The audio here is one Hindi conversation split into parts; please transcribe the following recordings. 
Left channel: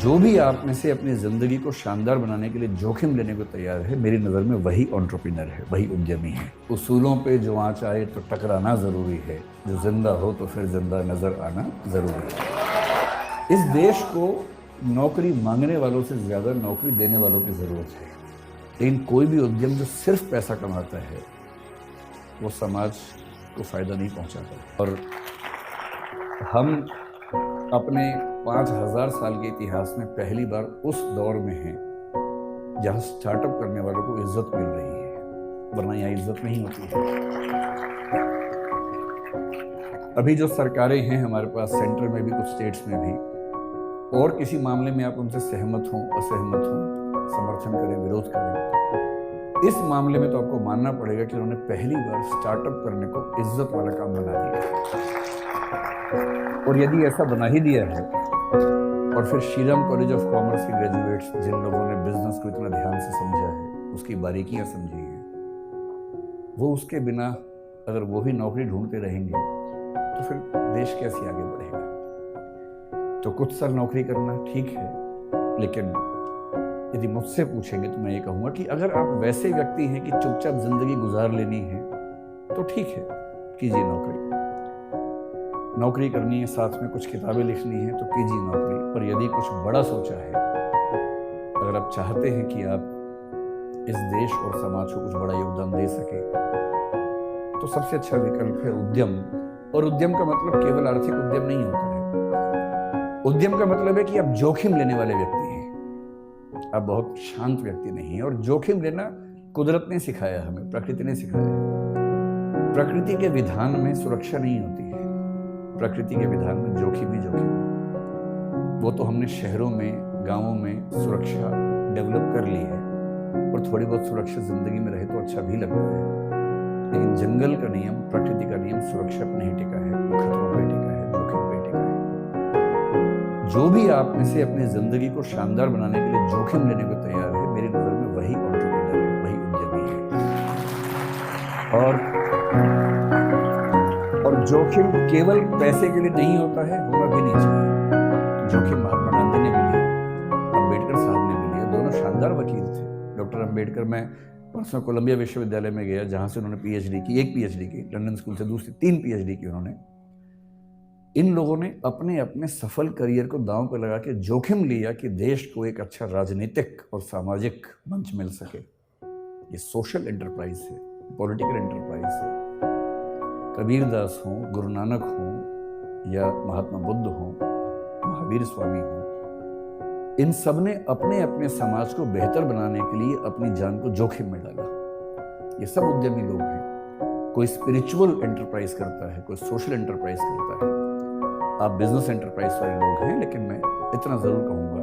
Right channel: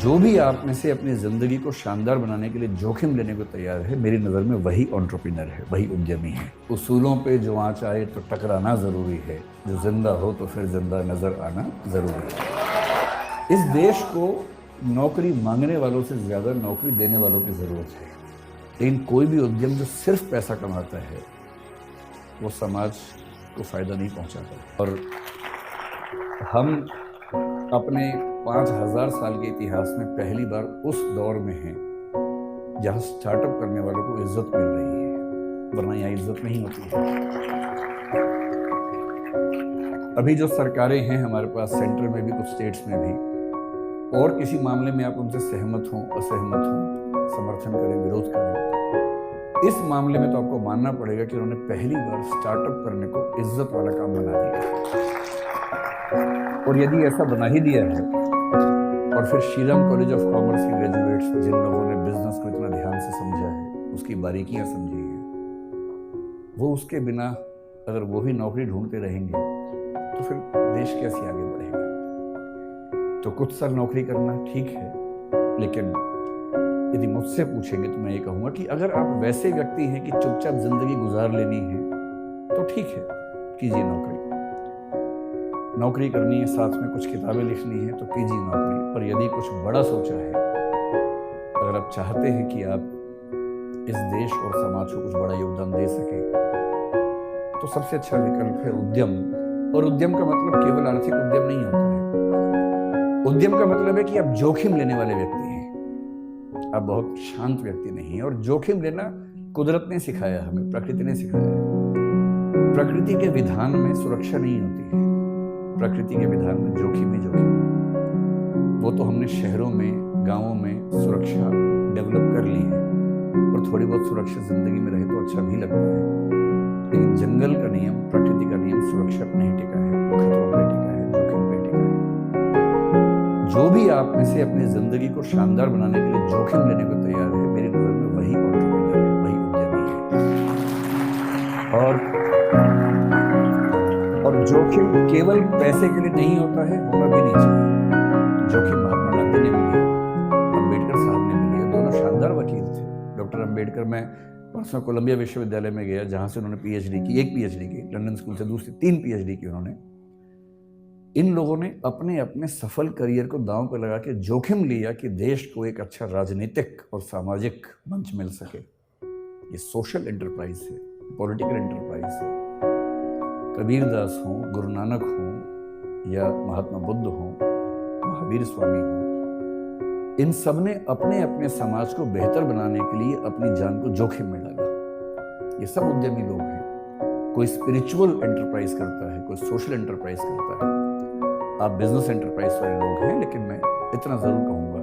जो भी आप में से अपनी ज़िंदगी को शानदार बनाने के लिए जोखिम लेने को तैयार है, मेरी नज़र में वही एंटरप्रेन्योर है, वही उद्यमी है। उसूलों पे जो आँच आए तो टकराना ज़रूरी है, जो जिंदा हो तो फिर जिंदा नज़र आना ज़रूरी है। इस देश को नौकरी मांगने वालों से ज़्यादा नौकरी देने वालों की ज़रूरत है। लेकिन कोई भी उद्यम जो सिर्फ पैसा कमाता है वो समाज को फ़ायदा नहीं पहुंचाता। और हम अपने 5000 साल के इतिहास में पहली बार उस दौर में हैं जहां स्टार्टअप करने वालों को इज्जत मिल रही है, वरना यहाँ इज्जत नहीं होती है। अभी जो सरकारें हैं हमारे पास, सेंटर में भी, कुछ स्टेट्स में भी, और किसी मामले में आप उनसे सहमत हों असहमत हों, समर्थन करें विरोध करें, इस मामले में तो आपको मानना पड़ेगा कि उन्होंने पहली बार स्टार्टअप करने को इज्जत वाला काम बना दिया। और यदि ऐसा बना ही दिया है, और फिर श्रीराम कॉलेज ऑफ कॉमर्स के ग्रेजुएट्स जिन लोगों ने बिजनेस को इतना ध्यान से समझा है, उसकी बारीकियां समझी हैं, वो उसके बिना अगर वो भी नौकरी ढूंढते रहेंगे तो फिर देश कैसे आगे बढ़ेगा। तो कुछ साल नौकरी करना ठीक है, लेकिन यदि मुझसे पूछेंगे तो मैं ये कहूँगा कि अगर आप वैसे व्यक्ति हैं कि चुपचाप जिंदगी गुजार लेनी है तो ठीक है, कीजिए नौकरी करनी है, साथ में कुछ किताबें लिखनी है तो कीजिए नौकरी। पर यदि कुछ बड़ा सोचा है, अगर आप चाहते हैं कि आप इस देश और समाज को कुछ बड़ा योगदान दे सके, तो सबसे अच्छा विकल्प है उद्यम। और उद्यम का मतलब केवल आर्थिक उद्यम नहीं होता है। उद्यम का मतलब है कि आप जोखिम लेने वाले व्यक्ति हैं, आप बहुत शांत व्यक्ति नहीं हैं। और जोखिम लेना कुदरत ने सिखाया हमें, प्रकृति ने सिखाया है। प्रकृति के विधान में सुरक्षा नहीं होती है, प्रकृति के विधान में जोखिम ही जोखिम है। वो तो हमने शहरों में, गांवों में सुरक्षा डेवलप कर ली है, और थोड़ी बहुत सुरक्षा जिंदगी में रहे तो अच्छा भी लगता है। लेकिन जंगल का नियम, प्रकृति का नियम सुरक्षा पर नहीं टिका है, वो खतरों पे टिका है, जोखिम पे टिका है। जो भी आप में से अपनी जिंदगी को शानदार बनाने के लिए जोखिम लेने को तैयार है, मेरी नजर में वही एंटरप्रेन्योर है, वही उद्यमी है। और जोखिम केवल पैसे के लिए नहीं होता है, होना भी नहीं चाहिए। जोखिम महात्मा गांधी ने भी लिया, अम्बेडकर साहब ने भी लिया, दोनों शानदार वकील थे। डॉक्टर अम्बेडकर, मैं परसों कोलंबिया विश्वविद्यालय में गया जहां से उन्होंने पीएचडी की, एक पीएचडी की, लंदन स्कूल से दूसरी 3 पीएचडी की उन्होंने। इन लोगों ने अपने अपने सफल करियर को दांव पर लगा के जोखिम लिया कि देश को एक अच्छा राजनीतिक और सामाजिक मंच मिल सके। ये सोशल एंटरप्राइज है, पॉलिटिकल एंटरप्राइज है। कबीरदास हों, गुरु नानक हों, या महात्मा बुद्ध हों, महावीर स्वामी हों, इन सब ने अपने अपने समाज को बेहतर बनाने के लिए अपनी जान को जोखिम में डाला। ये सब उद्यमी लोग हैं। कोई स्पिरिचुअल एंटरप्राइज करता है, कोई सोशल एंटरप्राइज करता है। आप बिजनेस एंटरप्राइज वाले लोग हैं, लेकिन मैं इतना जरूर कहूंगा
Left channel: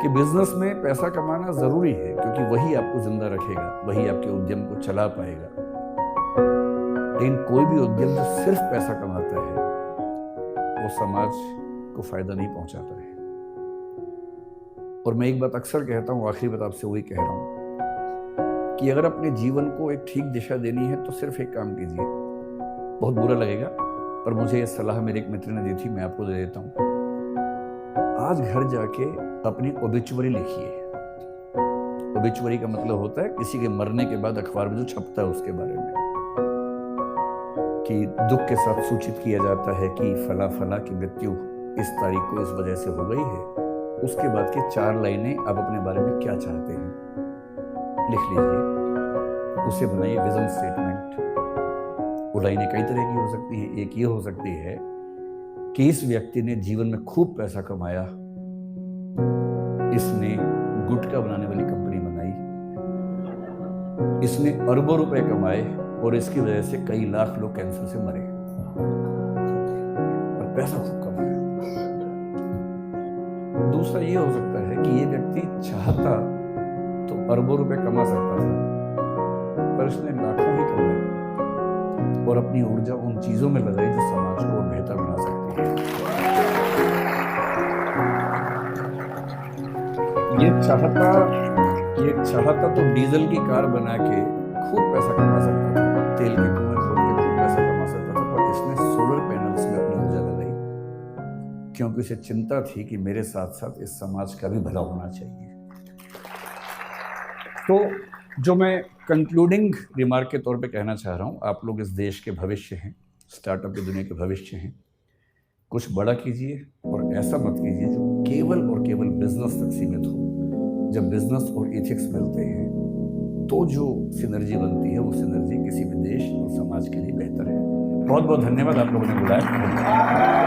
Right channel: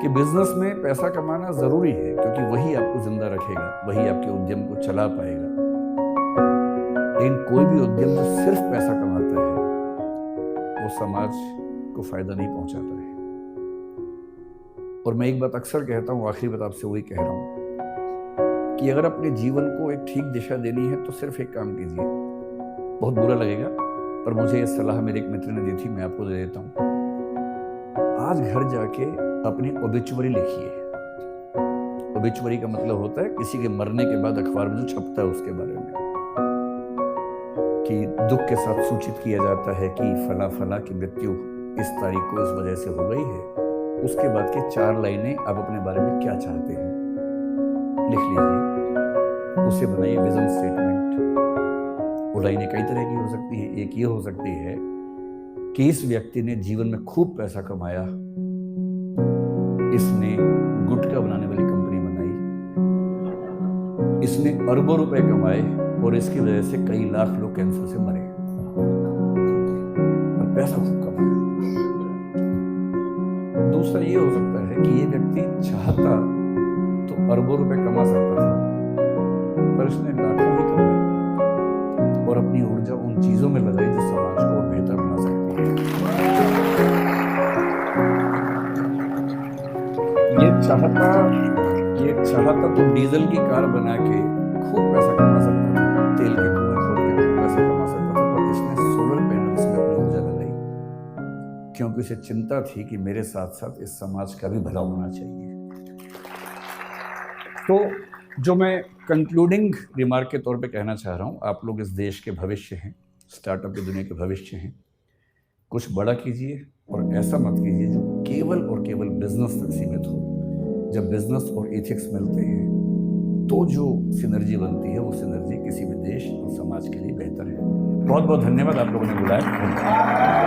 कि बिजनेस में पैसा कमाना जरूरी है, क्योंकि वही आपको जिंदा रखेगा, वही आपके उद्यम को चला पाएगा। लेकिन कोई भी उद्यम जो सिर्फ पैसा कमाता है वो समाज को फायदा नहीं पहुंचाता है। और मैं एक बात अक्सर कहता हूं, आखिरी बात आपसे वही कह रहा हूं कि अगर अपने जीवन को एक ठीक दिशा देनी है तो सिर्फ एक काम कीजिए। बहुत बुरा लगेगा, पर मुझे ये सलाह मेरे एक मित्र ने दी थी, मैं आपको दे देता हूं। आज घर जाके अपनी ओबिचुअरी लिखिए। ओबिचुअरी का मतलब होता है किसी के मरने के बाद अखबार में जो छपता है उसके बारे में, कि दुख के साथ सूचित किया जाता है कि फला फला की मृत्यु इस तारीख को इस वजह से हो गई है। उसके बाद की 4 लाइनें आप अपने बारे में क्या चाहते हैं लिख लीजिए, उसे बनाइए विजन स्टेटमेंट। वो लाइनें कई तरह की हो सकती हैं। एक ये हो सकती है कि इस व्यक्ति ने जीवन में खूब पैसा कमाया, इसने गुटखा बनाने वाली कंपनी बनाई, इसने अरबों रुपए कमाए और इसकी वजह से कई लाख लोग कैंसर से मरे, और पैसा खूब कमाया। दूसरा ये हो सकता है कि ये व्यक्ति चाहता तो अरबों रुपए कमा सकता था, पर इसने लाखों ही कमाए और अपनी ऊर्जा उन चीजों में लगाई जो समाज को और बेहतर बना सकती है। ये चाहता तो डीजल की कार बना के खूब पैसा कमा सकता था, तेल के कुएं खोद के खूब पैसा कमा सकता था, पर इसने सोलर पैनल्स में अपनी ऊर्जा लगाई। क्योंकि उसे चिंता थी कि मेरे साथ साथ इस समाज का भी भला होना चाहिए। तो जो मैं कंक्लूडिंग रिमार्क के तौर पे कहना चाह रहा हूँ, आप लोग इस देश के भविष्य हैं, स्टार्टअप की दुनिया के भविष्य हैं। कुछ बड़ा कीजिए और ऐसा मत कीजिए जो केवल और केवल बिजनेस तक सीमित हो। जब बिजनेस और एथिक्स मिलते हैं तो जो सिनर्जी बनती है, वो सिनर्जी किसी भी देश और समाज के लिए बेहतर है। बहुत बहुत धन्यवाद, आप लोगों ने बुलाया। धन्यवाद।